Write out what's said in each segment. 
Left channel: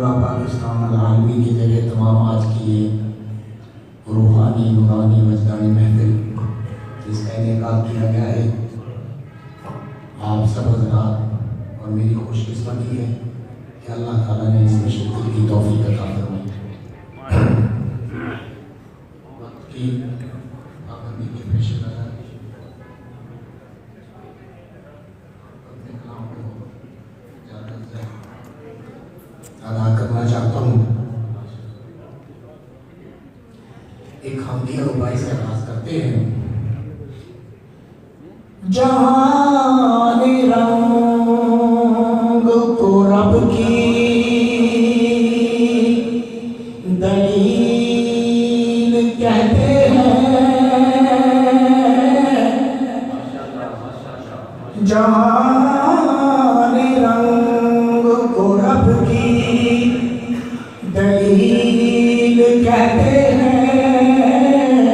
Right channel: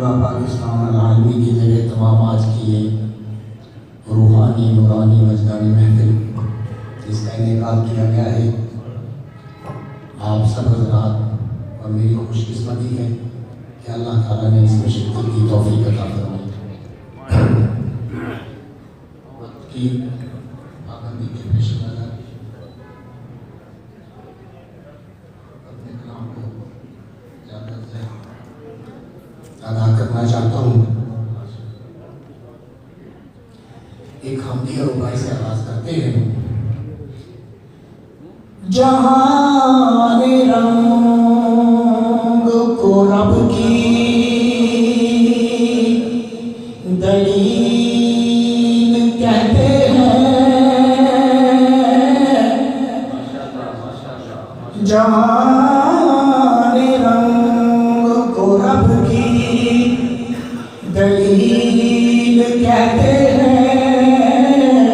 पूरा पाकिस्तान आलमी की जगह तमाम आज की ये रूहानी नूरानी वजदानी महफिल जिसका इनेकाल किया गया है, आप सब हज़रात और मेरी खुशकिस्मती है कि अल्लाह ताला ने इसमें शिरकत की तौफीक अता फरमाई। अदा करना चाहता हूँ एक हमदिया रुबाई से आगाज करते हैं। जहाने रंग को रब की दलील कहते हैं, जहाने रंग को रब की दलील कहते हैं,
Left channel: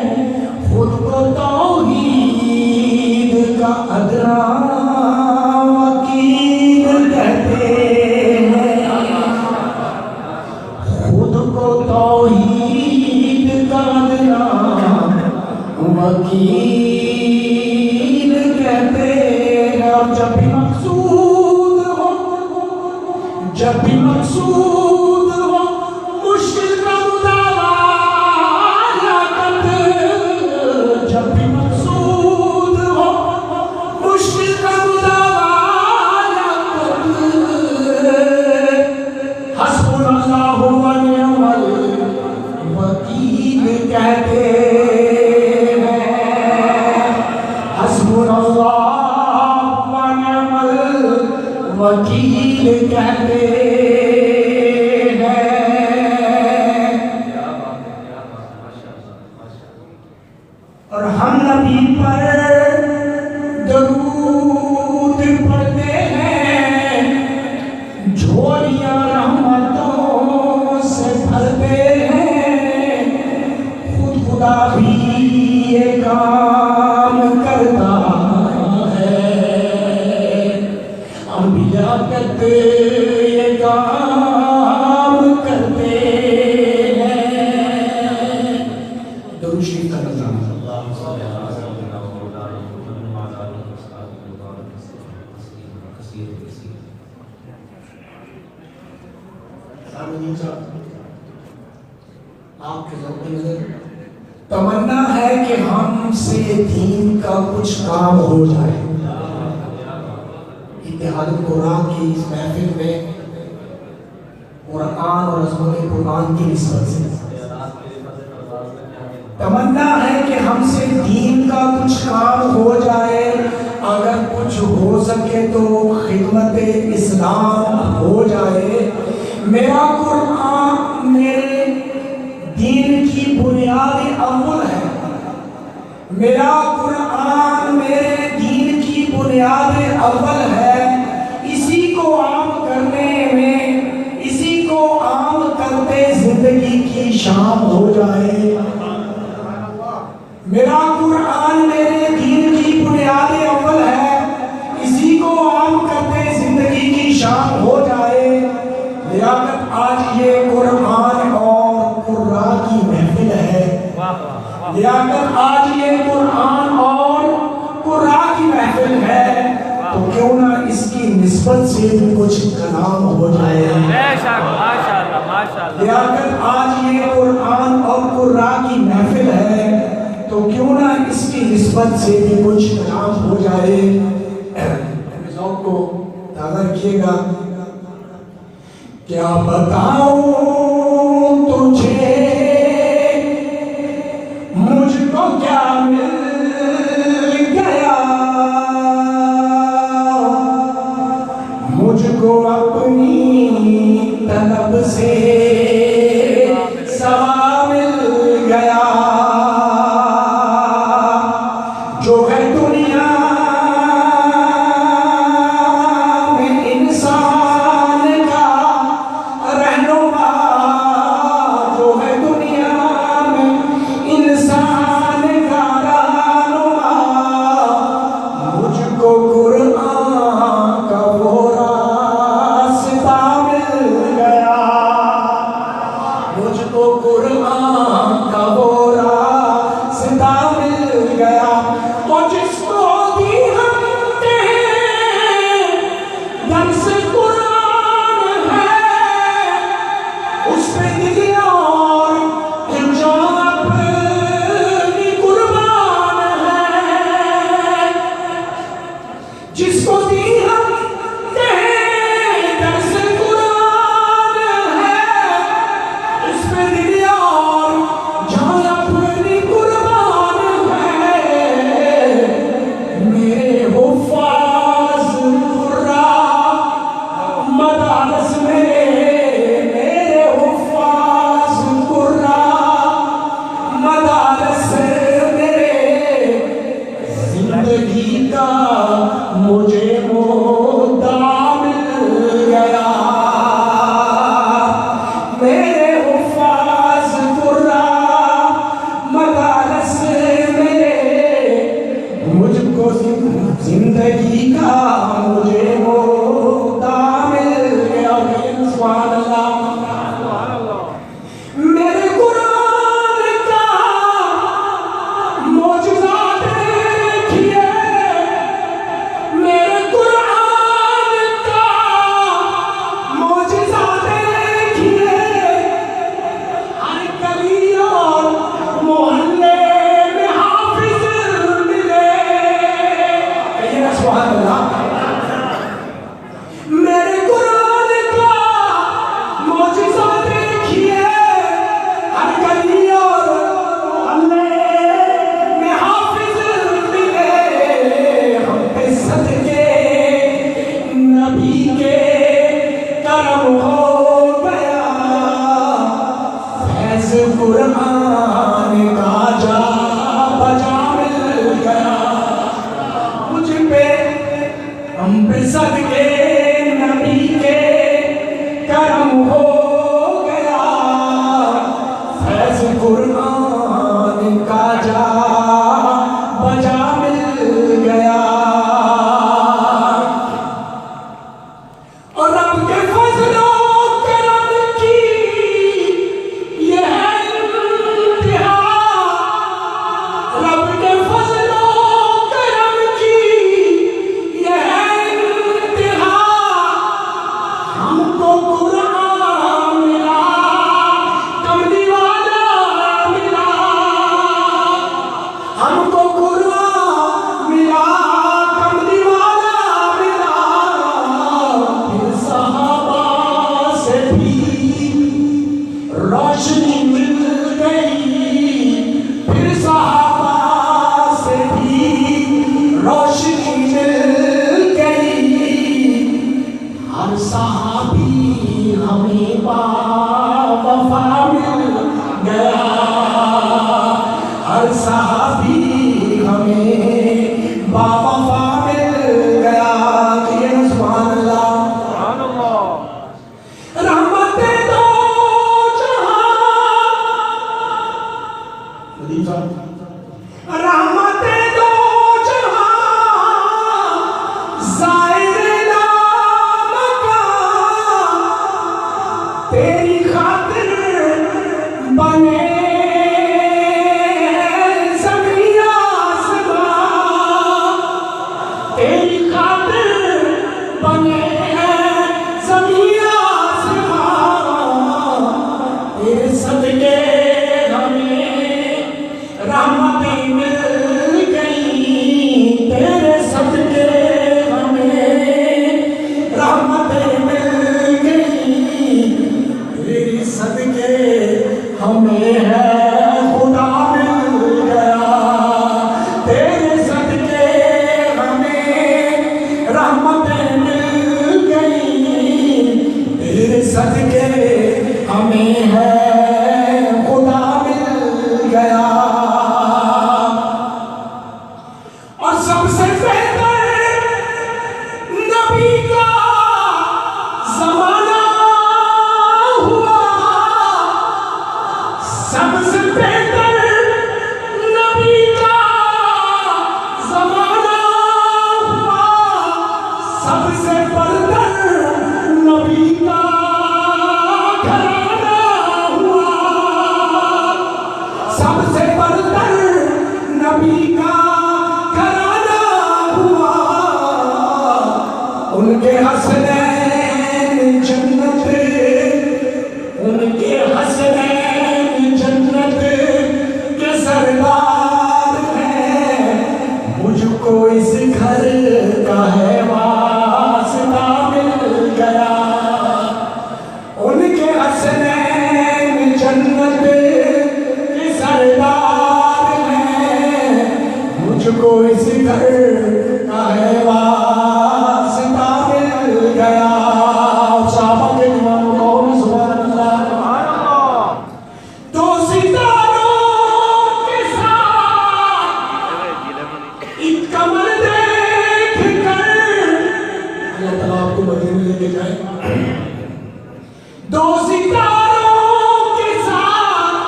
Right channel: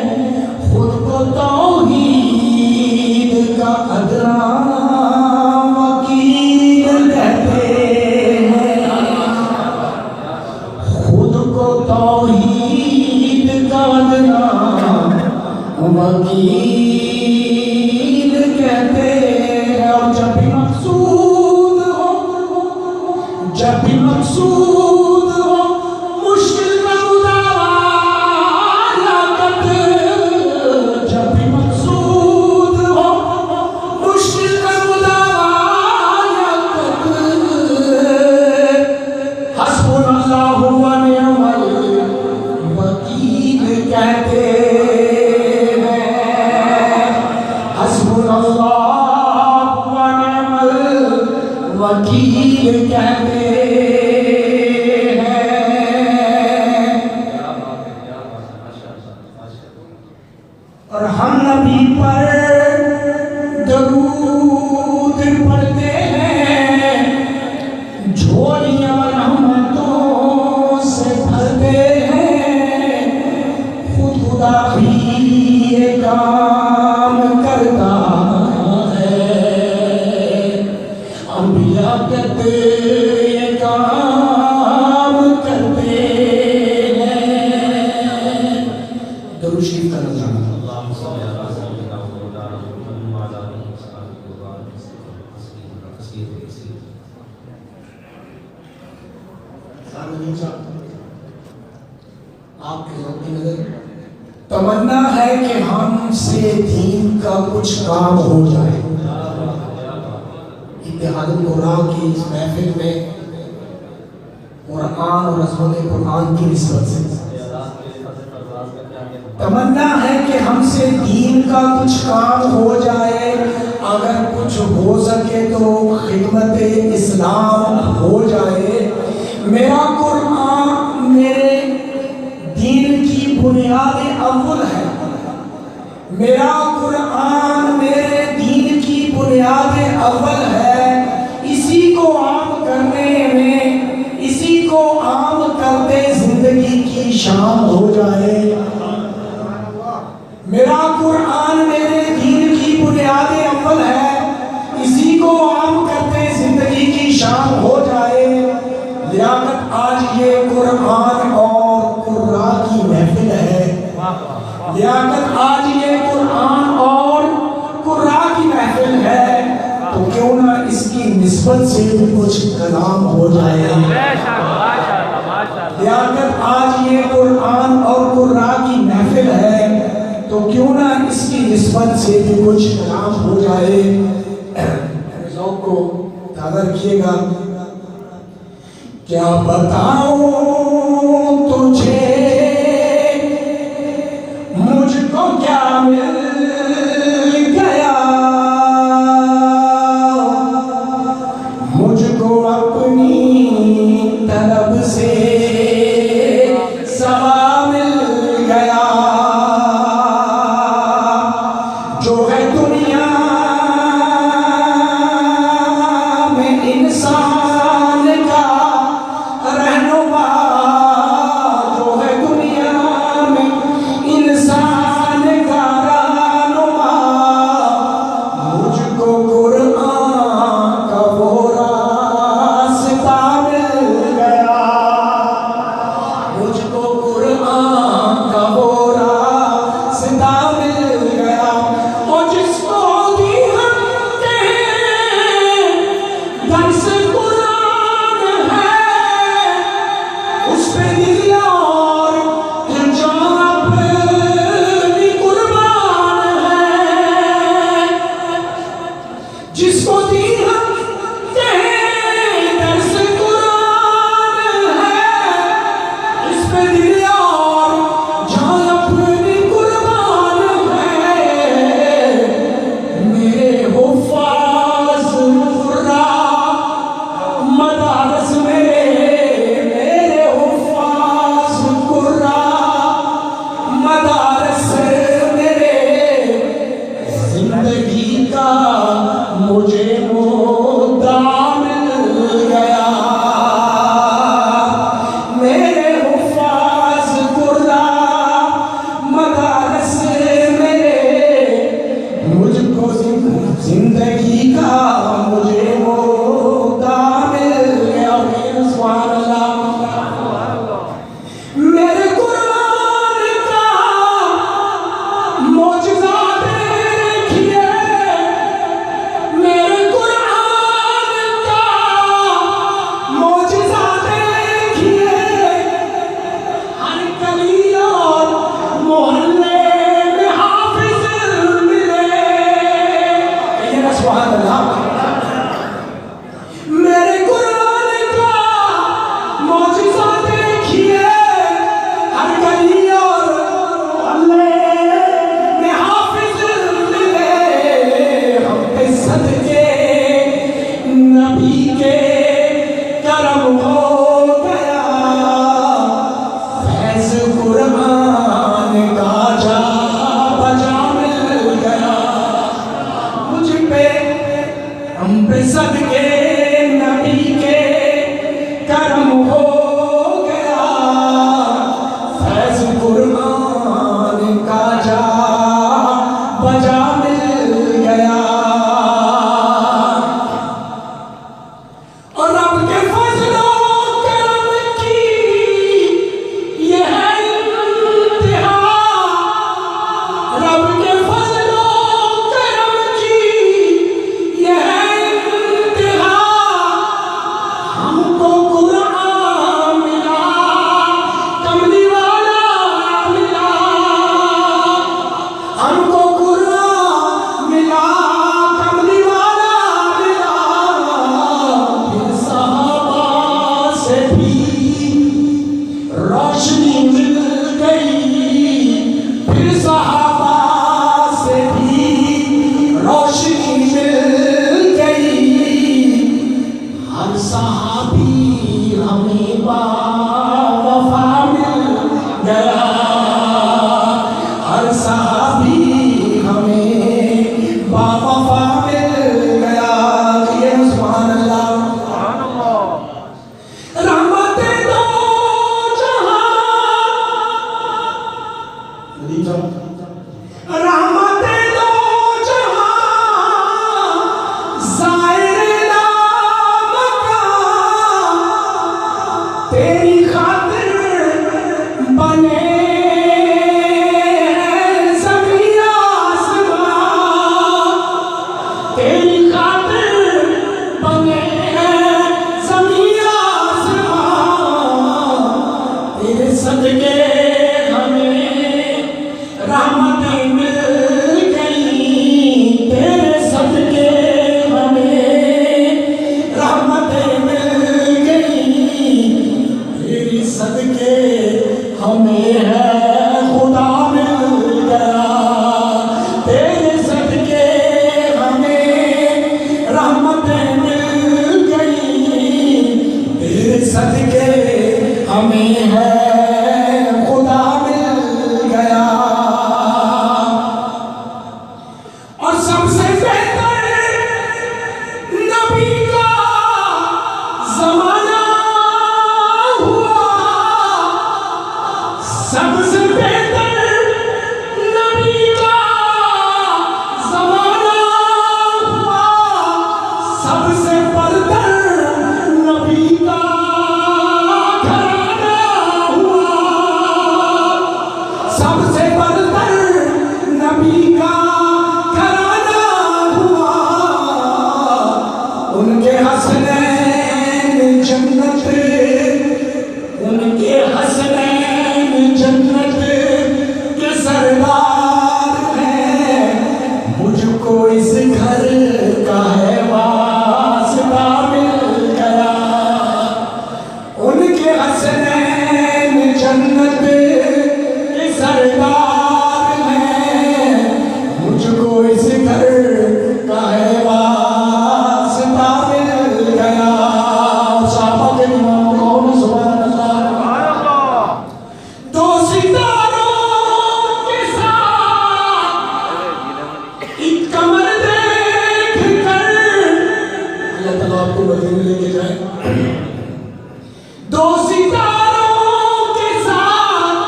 खुद को तौहीद का अदना वकील कहते हैं, खुद को तौहीद का अदना वकील कहते हैं। और जब भी मकसूद हो, जब भी मकसूद हो मुश्किल का मुदावाला तक, जब भी मकसूद हो मुश्किल का मुदावाला तक, हस्बुनल्लाहु व निअमल वकील कहते हैं, हस्बुनल्लाहु व निअमल वकील कहते हैं। और हम नबी पर दरूद पढ़ते हैं, झोलियां रहमतों से भरते हैं, खुदा भी ये काम करता है, अंबिया कहते ये काम करते हैं। दरूद शरीफ का नज़राना। आपके नजर तमन्ना है कि हमसे दीन का कुछ काम हो जाए। इत्तेहादुल कुरान की इस महफिल में कुरान और अज़मत कुरान की निस्बत से तमन्ना है कि हमसे दीन का कुछ काम हो जाए। अगर कुछ हो सके तो खिदमत इस्लाम हो जाए। मेरा कुरान मेरे दीन की बुनियाद अव्वल है, मेरा कुरान मेरे दीन की बुनियाद अव्वल है। इसी को आम करने में, इसी को आम करते जिंदगी की शाम हो जाए। मेरा कुरान मेरे दीन की बुनियाद अव्वल है, इसी को आम करते जिंदगी की शाम हो जाए। लियाकत आज ये कुरान और कुर्रा की महफिल है, लियाकत आज ये कुरान और कुर्रा की महफिल है, तो क्यों ना इसकी निस्बत से भी कुछ कलाम हो जाए। लियाकत आज ये कुरान और कुर्रा की महफिल है, तो क्यों ना इसकी निस्बत से भी कुछ कलाम हो जाए। ज़ौक़ को ताज़ा रखिएगा। क्या बताऊं तुझे मुझको क्या मिल गया, मुझको अपनी तलब से सवा मिल गया। जो है दुनिया में इंसान का रहनुमा हमको कुरान का वो रास्ता मिल गया। और जिसको भी हम दर्स कुरान है, उस पे दिया और जो अपनी कुर्बान है। जिसको दी हम दर्स कुरान है, उस पे दिया और जो अपनी कुर्बान है। मेरे हुफ़ाज़ कुर्रा मदारस में, मेरे हुफ़ाज़ कुर्रा मदारस मेरे, जिंदगी का मुझे मुद्दा मिल गया। मेरे हुफ़ाज़ कुर्रा मदारस मेरे, मुझको जिंदगी का मुझे मुद्दा मिल गया। सुभान अल्लाह। मेरे कुरान का मौजज़ा देखिए, मेरे कुरान का मौजज़ा देखिए। हर गली और मोहल्ले में हाफिज़ मिले। ये सुभान अल्लाह। मेरे कुरान का मौजज़ा देखिए, हर गली और मोहल्ले में हाफिज़ मिले। हम पे सदके नबी के करम हो गया। फैज़ कुरान का जा बजा मिल गया। मुझ पे हम पे सदके नबी के करम हो गया। फैज़ कुरान का जा बजा मिल गया। और रब के फज़लो करम की ये है इंतहा। रब के फज़लो करम की ये है इंतहा। हमको कुरान मिला, कमली वाला मिला। हमको कुरान मिला, कमली वाला मिला। फिर सहाबा से भी रोशनी मिल गई। फिर सहाबा से भी रोशनी मिल गई। हर सहाबी हमें बावफा मिल गया। हर सहाबी हमें बावफा मिल गया। ये सुभान अल्लाह। रहमते दो जहां, रहमते दो जहां, ज़ाहिर नामकान, तेरी खातिर बने ज़मीं आसमां। तेरी खातिर बने ज़मीं आसमां। तेरे सदके हमें रहमतें मिल गई। तेरे सदके हमें रहमतें मिल गई। तेरे सदके हमें है खुदा मिल गया। तेरे सदके हमें रहमतें मिल गई। तेरे सदके हमें है खुदा मिल गया। और सबसे बेहतर नबी का ज़माना हुआ। सबसे बेहतर नबी का ज़माना हुआ। सबसे बरतर नबी का घराना हुआ। सितारों के साथ एक कमर देख कर, अल्लाह ताला आपको मदीने लेके जाए। दो सितारों के साथ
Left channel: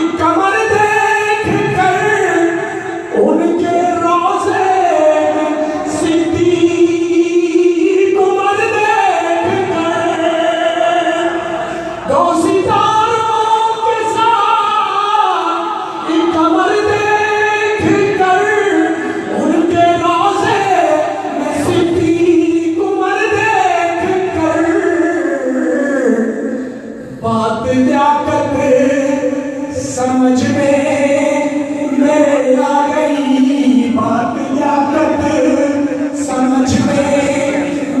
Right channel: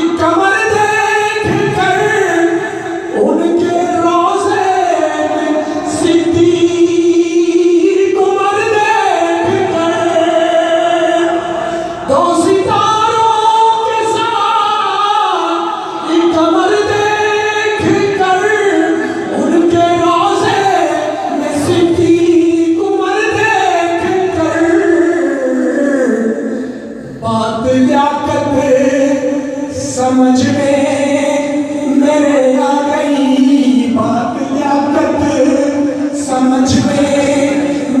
एक कमर देख कर, उनके रोज़े में सिद्दीक़ उमर देख कर, दो सितारों के साथ एक कमर देख कर, उनके रोज़े में सिद्दीक़ उमर देख कर, बात लियाकत समझ में मेरे आ गई, बात लियाकत समझ में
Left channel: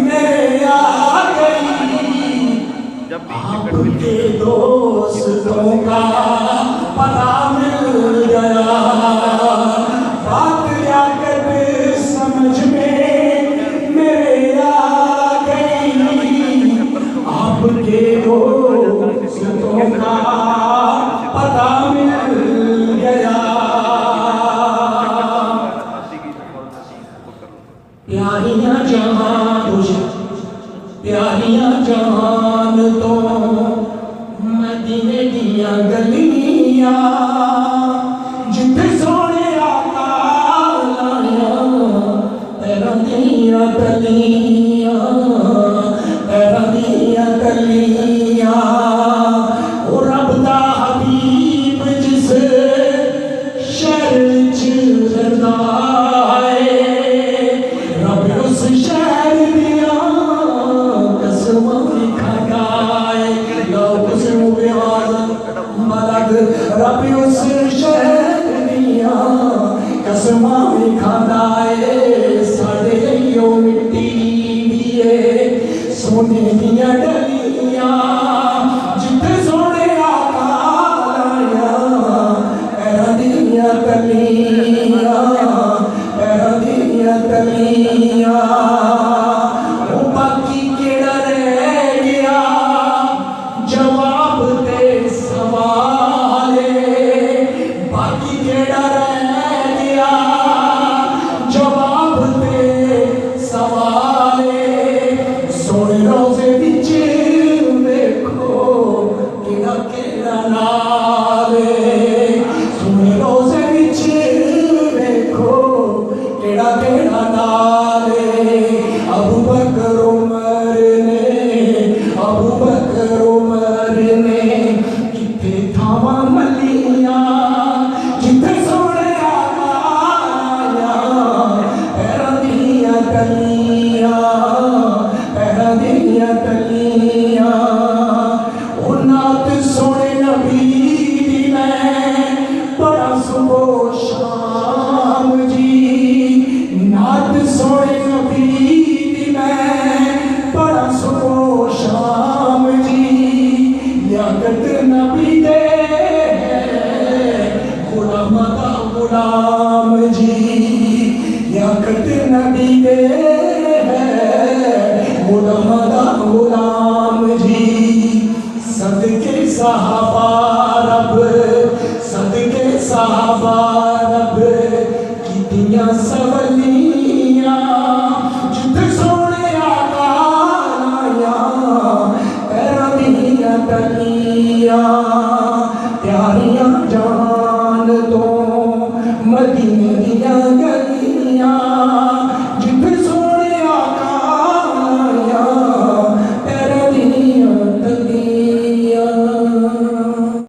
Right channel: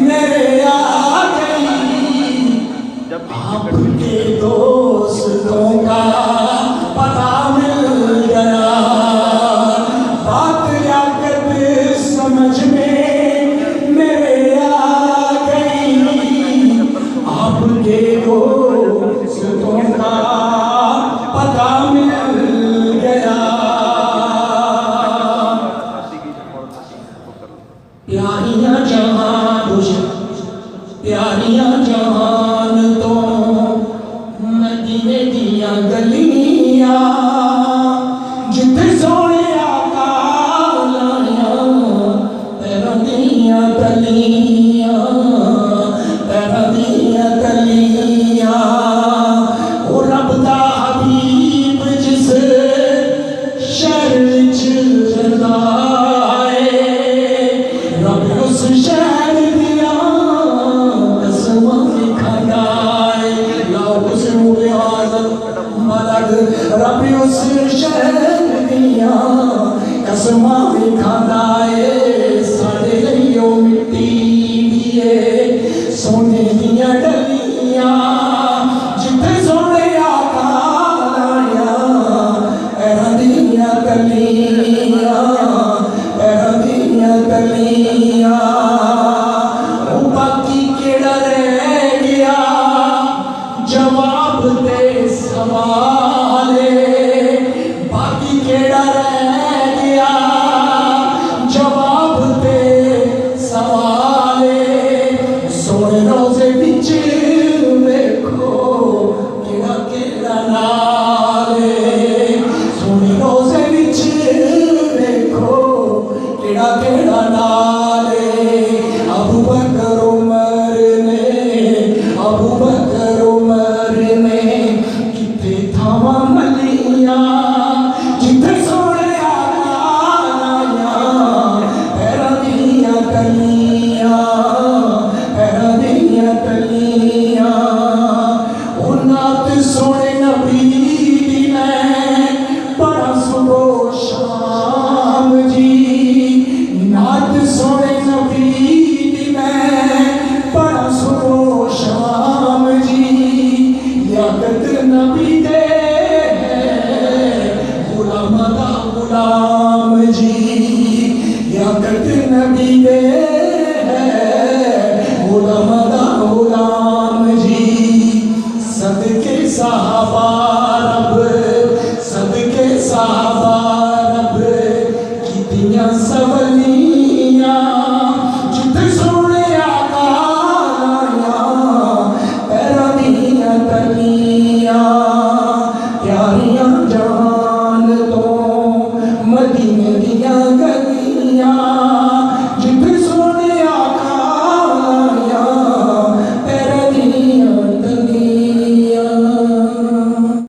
मेरे आ गई, आपके दोस्तों का पता मिल गया, बात लियाकत समझ में मेरे आ गई, आपके दोस्तों का पता मिल गया। प्यारियां जहान प्यारियां जहान तो मदीने दियां गलियां, जिथे सोने आका लाया पैरां दियां तलियां, पैरां दियां तलियां, ओ रब दा हबीब जिस शहर च रहंदा है, रब उस शहर दियां कसमां खांदा है, लाओ कसम आज़म मलक, रब उस शहर दियां कसमां खांदा है, साडे लईओ मिट्टी दिए सोने दियां डलियां, जिथे सोने आका लाया पैरां दियां तलियां, पैरां दियां तलियां, ओ बाकी केड़ा रह गया जवाब ते सवाले, बाकी केड़ा रह गया जवाब ते सवाले, सोने रोज़े विच देखो केड़ा केड़ा नाले, सोने रोज़े विच देखो केड़ा केड़ा नाले, अबू बकर उमर ने, अबू बकर उमर ने किथे थावां मलियां, जिथे सोने आका लाया पैरां दियां तलियां, पैरां दियां तलियां, ओ नात सोने नबी दी मैं बड़ा सुबह शाम जी, नात सोने नबी दी मैं बड़ा सुबह शाम जी, लियाकत नबी दे गुलाम दा गुलाम जी, लियाकत नबी दे गुलाम दा गुलाम जी, सदके सहाबा रब, सदके सहाबा रब कीतियां सवलियां, जिथे सोने आका लाया पैरां दियां तलियां, प्यारियां